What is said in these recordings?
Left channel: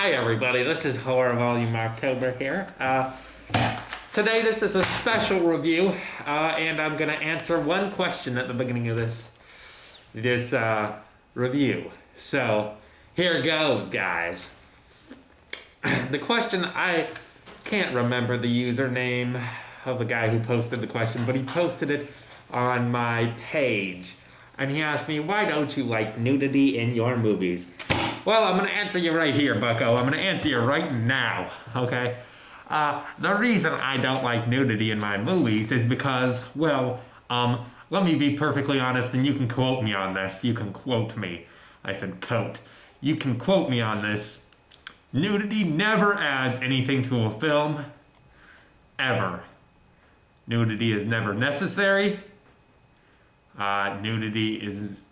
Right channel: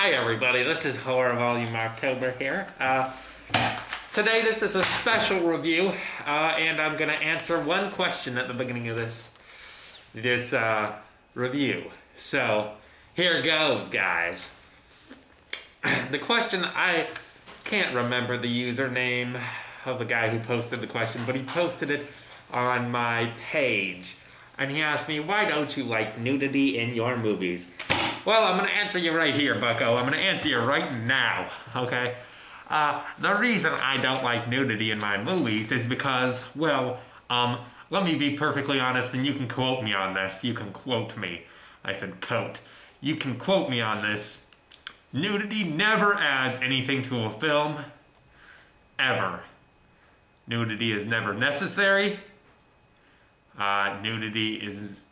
Hi everybody, this is Horror Volume October here. Today this is a special review, and I'm going to answer one question at the beginning of this review. So, here goes, guys. The question, I can't remember the username of the guy who posted the question, but he posted it on my page. And he asked me, why don't you like nudity in your movies? Well, I'm going to answer you right here, bucko. I'm going to answer you right now, okay? The reason I don't like nudity in my movies is because, well, let me be perfectly honest, and you can quote me on this. You can quote me. I said quote. You can quote me on this. Nudity never adds anything to a film, ever. Nudity is never necessary. Nudity is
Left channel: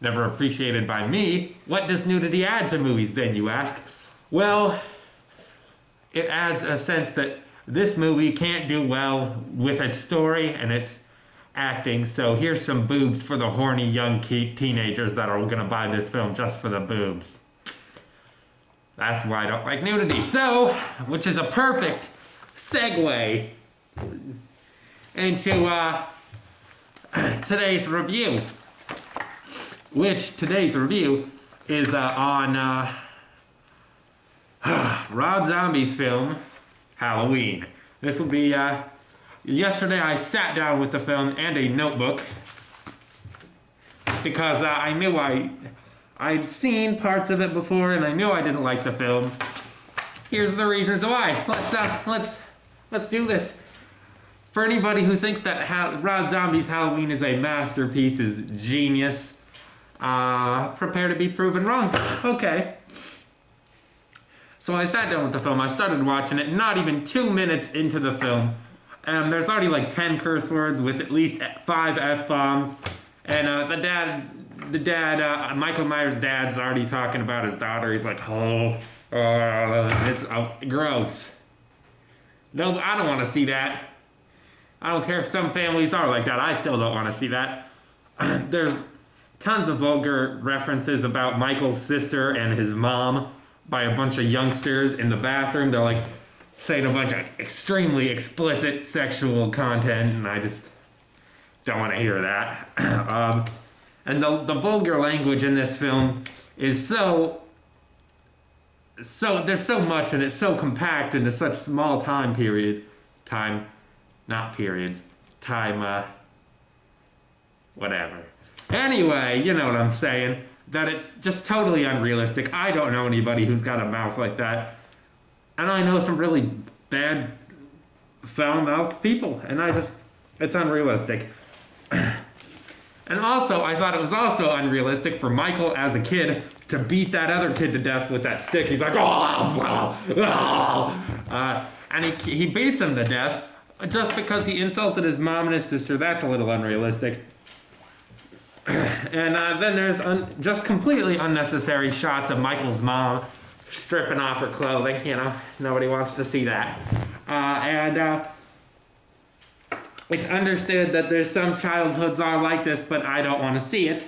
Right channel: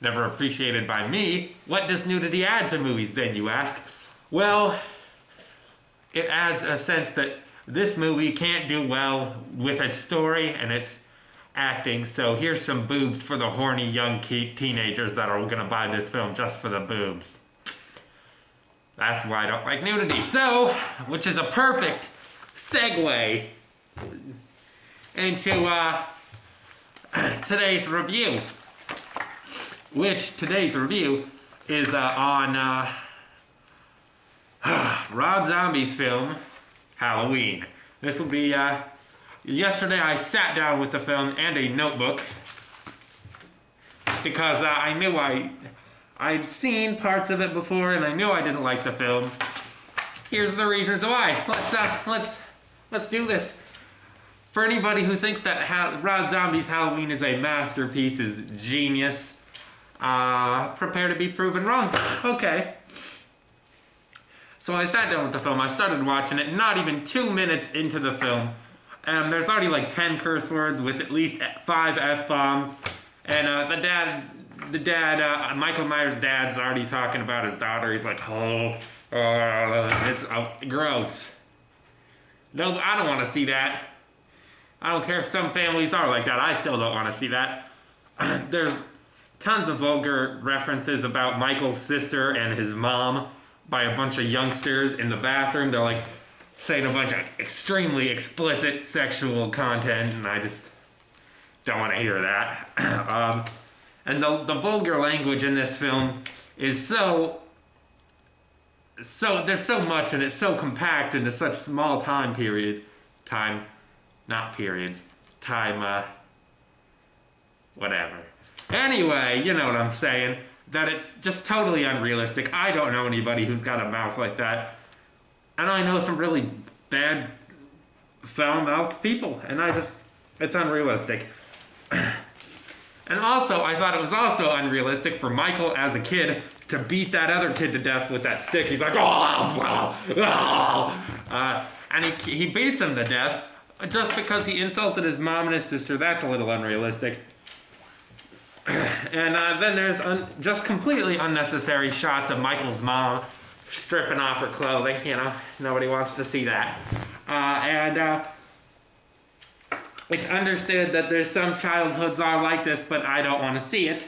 never appreciated by me. What does nudity add to movies then, you ask? Well, it adds a sense that this movie can't do well with its story and its acting, so here's some boobs for the horny young teenagers that are gonna buy this film just for the boobs. That's why I don't like nudity. So, which is a perfect segue into today's review. Which today's review is on Rob Zombie's film, Halloween. This will be, yesterday I sat down with the film and a notebook because I knew I'd seen parts of it before and I knew I didn't like the film. Here's the reasons why. Let's do this. For anybody who thinks that Rob Zombie's Halloween is a masterpiece, is genius, prepare to be proven wrong. Okay. So I sat down with the film, I started watching it, not even 2 minutes into the film, and there's already like 10 curse words with at least 5 F-bombs, and the dad, Michael Myers' dad's already talking about his daughter. He's like, it's gross. No, I don't want to see that. I don't care if some families are like that, I still don't want to see that. There's tons of vulgar references about Michael's sister and his mom by a bunch of youngsters in the bathroom. They're like saying a bunch of extremely explicit sexual content, and I just don't want to hear that. And the vulgar language in this film is so there's so much and it's so compact into such small time, whatever. Anyway, you know what I'm saying, that it's just totally unrealistic. I don't know anybody who's got a mouth like that. And I know some really bad, foul-mouthed people, and it's unrealistic. And also, I thought it was also unrealistic for Michael as a kid to beat that other kid to death with that stick. He's like, and he beats him to death just because he insulted his mom and his sister. That's a little unrealistic. And then there's just completely unnecessary shots of Michael's mom stripping off her clothing. You know, nobody wants to see that. It's understood that there's some childhoods are like this, but I don't want to see it.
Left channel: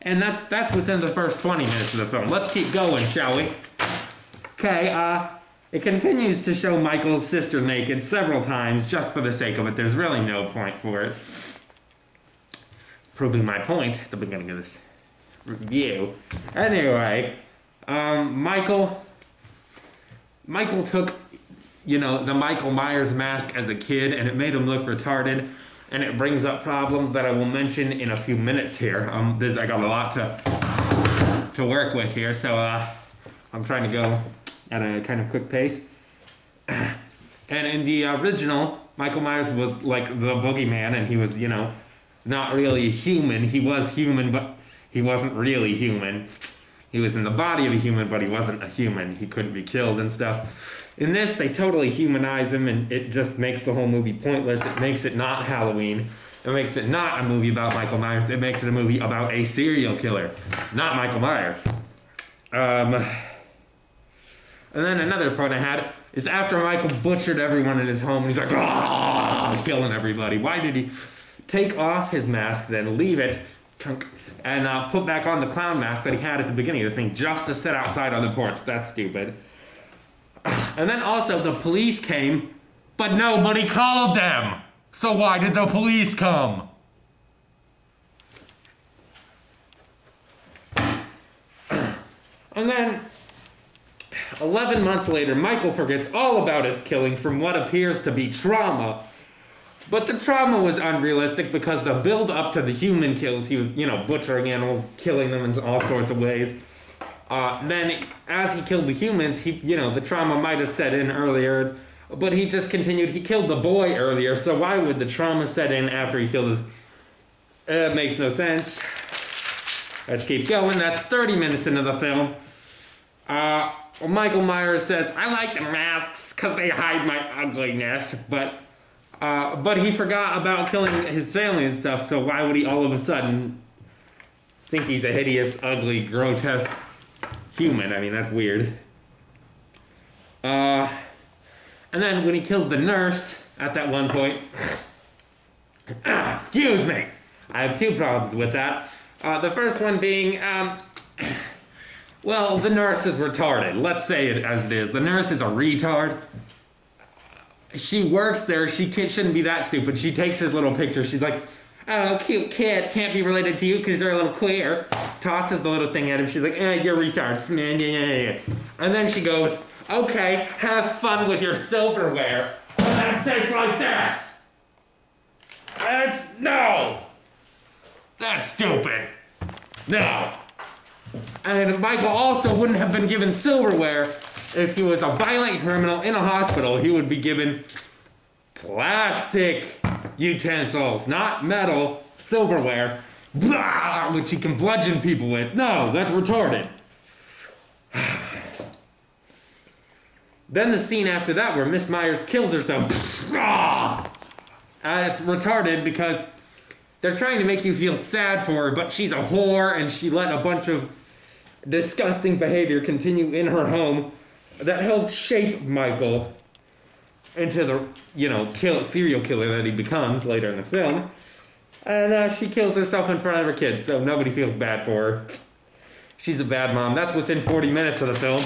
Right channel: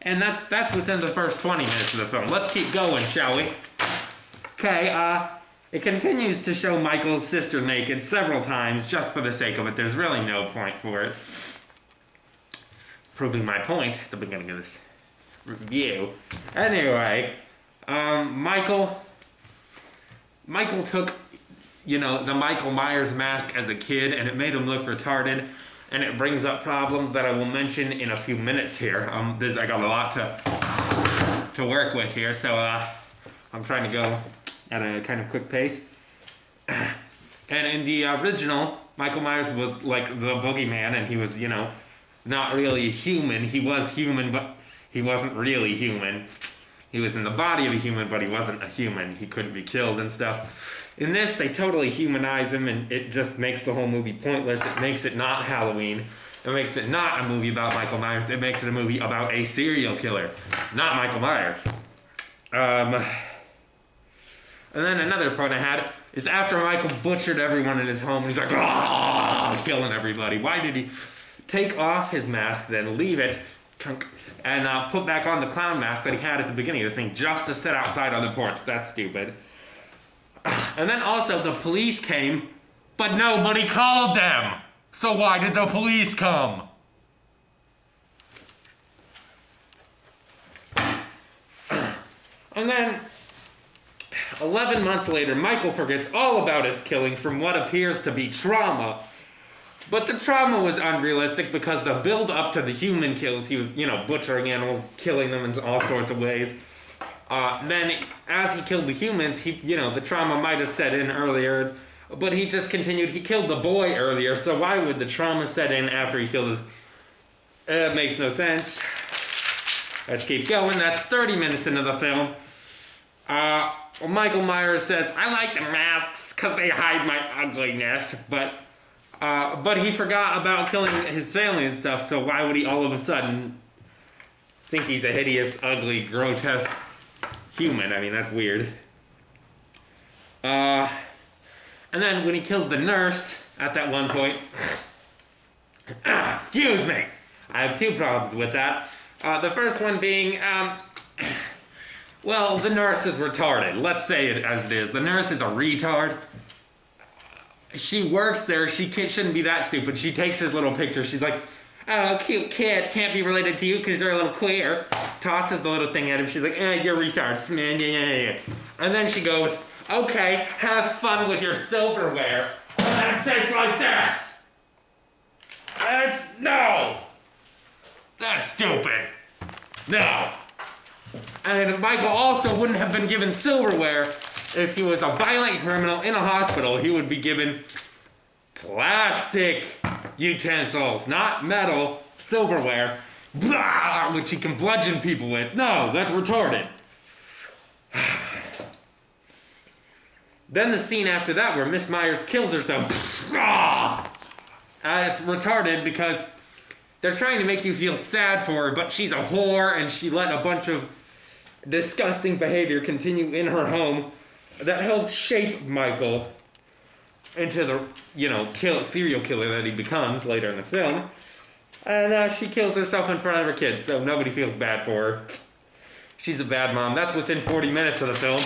And that's within the first 20 minutes of the film. Let's keep going, shall we? Okay, it continues to show Michael's sister naked several times just for the sake of it. There's really no point for it. Proving my point at the beginning of this review. Anyway, Michael took, you know, the Michael Myers mask as a kid, and it made him look retarded, and it brings up problems that I will mention in a few minutes here. I got a lot to work with here, so I'm trying to go at a kind of quick pace. And in the original, Michael Myers was like the boogeyman, and he was, you know, not really human. He was human, but he wasn't really human. He was in the body of a human, but he wasn't a human. He couldn't be killed and stuff. In this, they totally humanize him, and it just makes the whole movie pointless. It makes it not Halloween. It makes it not a movie about Michael Myers. It makes it a movie about a serial killer, not Michael Myers. And then another point I had is after Michael butchered everyone in his home, and he's like, killing everybody. Why did he take off his mask, then leave it, and put back on the clown mask that he had at the beginning of the thing just to sit outside on the porch. That's stupid. And then also the police came, but nobody called them. So why did the police come? And then 11 months later, Michael forgets all about his killing from what appears to be trauma. But the trauma was unrealistic because the build up to the human kills, he was, butchering animals, killing them in all sorts of ways. Then, as he killed the humans, the trauma might have set in earlier, but he just continued. He killed the boy earlier, so why would the trauma set in after he killed his... It makes no sense. Let's keep going. That's 30 minutes into the film. Michael Myers says, I like the masks because they hide my ugliness, but he forgot about killing his family and stuff, so why would he all of a sudden think he's a hideous, ugly, grotesque human? I mean, that's weird. And then when he kills the nurse at that one point... excuse me! I have two problems with that. The first one being, well, the nurse is retarded. Let's say it as it is. The nurse is a retard. She works there. She shouldn't be that stupid. She takes his little picture. She's like, oh, cute kid. Can't be related to you because you're a little queer. Tosses the little thing at him. She's like, you're retards, man. Yeah. And then she goes, okay, have fun with your silverware. And then says like this. No. That's stupid. No. And Michael also wouldn't have been given silverware if he was a violent criminal in a hospital. He would be given plastic utensils, not metal, silverware, which he can bludgeon people with. No, that's retarded. Then the scene after that where Miss Myers kills herself. It's retarded because they're trying to make you feel sad for her, but she's a whore and she let a bunch of disgusting behavior continue in her home that helped shape Michael into the, serial killer that he becomes later in the film. And she kills herself in front of her kids, so nobody feels bad for her. She's a bad mom. That's within 40 minutes of the film.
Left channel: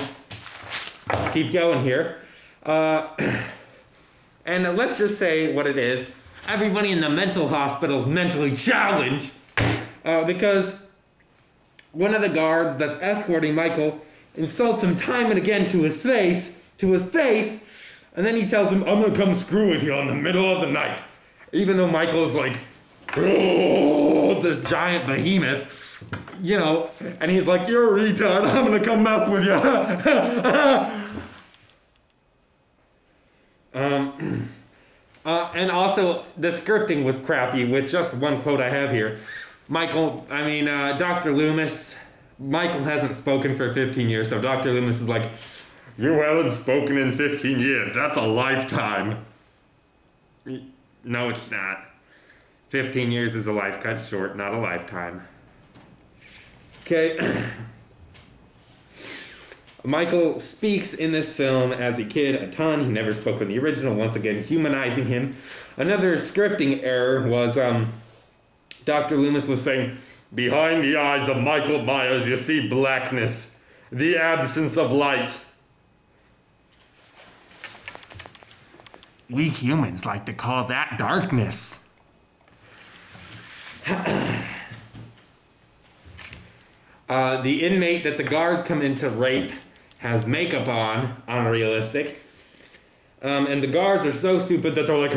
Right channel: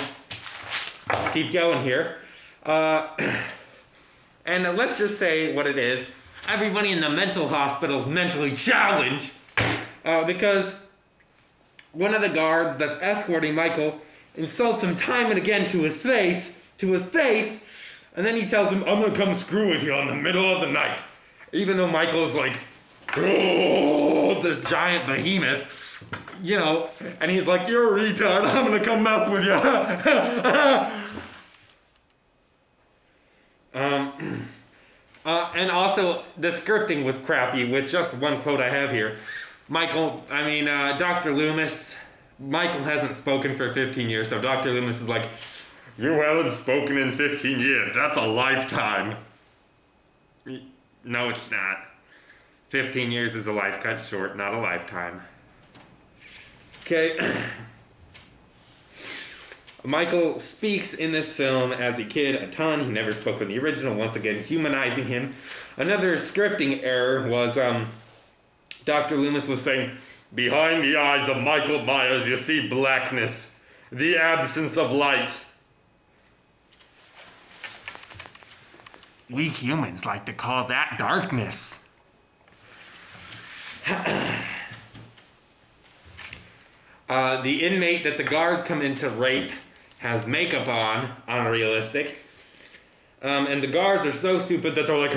Keep going here. And let's just say what it is. Everybody in the mental hospital is mentally challenged because one of the guards that's escorting Michael insults him time and again to his face, and then he tells him, I'm gonna come screw with you in the middle of the night. Even though Michael is like, oh, this giant behemoth, and he's like, you're a retard, I'm gonna come mess with you. And also, the scripting was crappy, with just one quote I have here. Dr. Loomis, Michael hasn't spoken for 15 years, so Dr. Loomis is like, you haven't spoken in 15 years, that's a lifetime. No, it's not. 15 years is a life cut short, not a lifetime. Okay. Michael speaks in this film as a kid a ton. He never spoke in the original, once again humanizing him. Another scripting error was Dr. Loomis was saying, behind the eyes of Michael Myers you see blackness, the absence of light. We humans like to call that darkness. The inmate that the guards come in to rape has makeup on, unrealistic. And the guards are so stupid that they're like,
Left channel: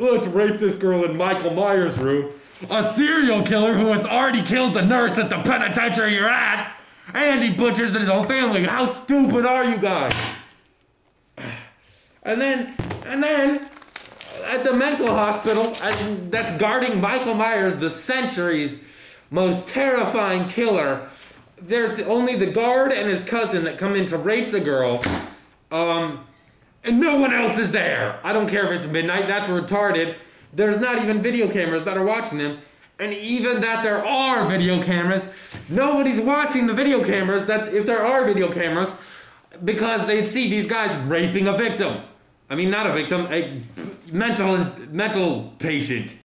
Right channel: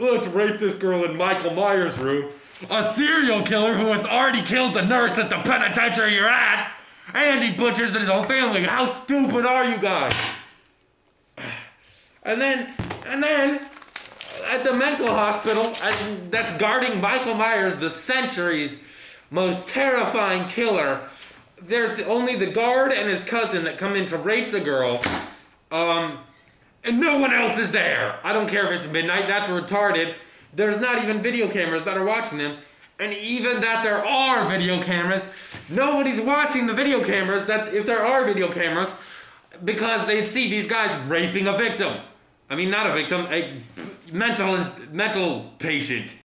let's rape this girl in Michael Myers' room. A serial killer who has already killed the nurse at the penitentiary you're at, and he butchers his own family. How stupid are you guys? And then, at the mental hospital that's guarding Michael Myers, the century's most terrifying killer, there's only the guard and his cousin that come in to rape the girl, and no one else is there. I don't care if it's midnight, that's retarded. There's not even video cameras that are watching him, and even that there are video cameras, nobody's watching the video cameras, that if there are video cameras, because they'd see these guys raping a victim. I mean, not a victim, a mental patient.